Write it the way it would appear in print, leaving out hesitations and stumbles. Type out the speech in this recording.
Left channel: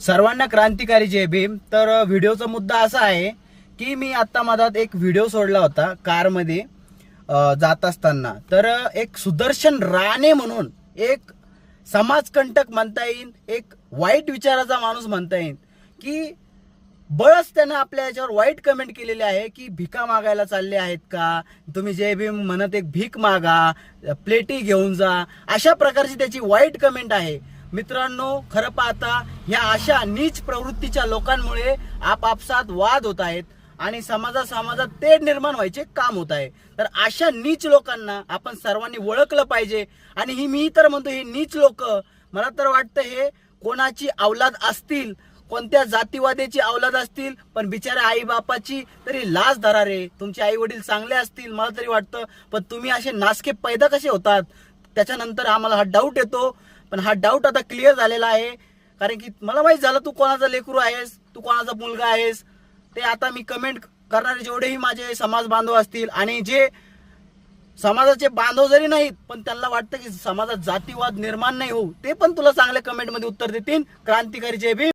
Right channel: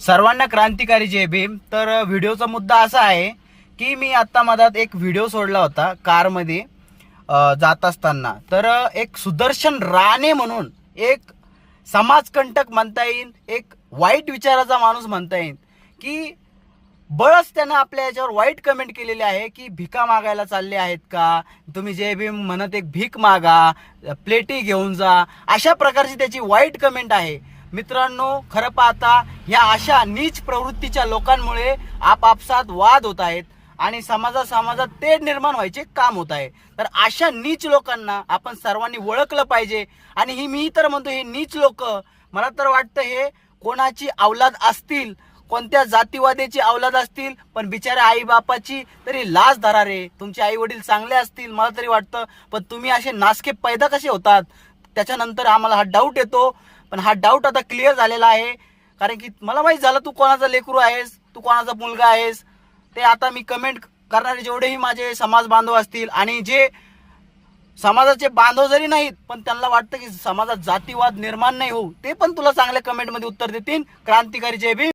सर्वांना क्रांतिकारी जय भीम। तर व्हिडिओचा मुद्दा असा आहे की मी आता मधात एक व्हिडिओ सोडला होता कारमध्ये जात असताना। तर एक सुदर्शन राणे म्हणून एक समाजकंटक म्हणता येईल, एक वाईट विचाराचा माणूस म्हणता येईल की बळच त्यानं आपल्या याच्यावर वाईट कमेंट केलेली आहे की भिका मागायला चालले आहेत का तुम्ही, जय भीम म्हणत एक भीक मागा, प्लेटी घेऊन जा, अशा प्रकारची त्याची वाईट कमेंट आहे। मित्रांनो, खरं पाहता ह्या अशा नीच प्रवृत्तीच्या लोकांमुळे आपापसात वाद होत आहेत आणि समाजात तेढ निर्माण व्हायचे काम होत आहे। तर अशा नीच लोकांना आपण सर्वांनी ओळखलं पाहिजे। आणि मी तर म्हणतो, हे नीच लोक मला तर वाटतं हे कोणाची औलाद असतील, कोणत्या जातीवाद्याची औलाद असतील, पण बिचाऱ्या आई बापाची तरी लाज धरा रे। तुमचे आई वडील चांगले असतील मला तरी वाटतं, पण तुम्ही असे नासके पैदा कसे होतात त्याच्यानंतर आम्हाला हा डाऊट येतो। पण हा डाऊट आता क्लिअर झालेला आहे, कारण की मला माहित झालं तू कोणाचा लेकरू आहेस, तू कोणाचा मुलगा आहेस। ते आता मी कमेंट करणारे जेवढेही माझे समाज बांधव असतील आणि जे समाजाचे बांधव जरी नाहीत पण त्यांना वाटतं की समाजात जातीवाद निर्माण नाही होऊ, ते पण तुला चांगल्या कमेंटमध्ये उत्तर देतील। क्रांतिकारी जय भीम।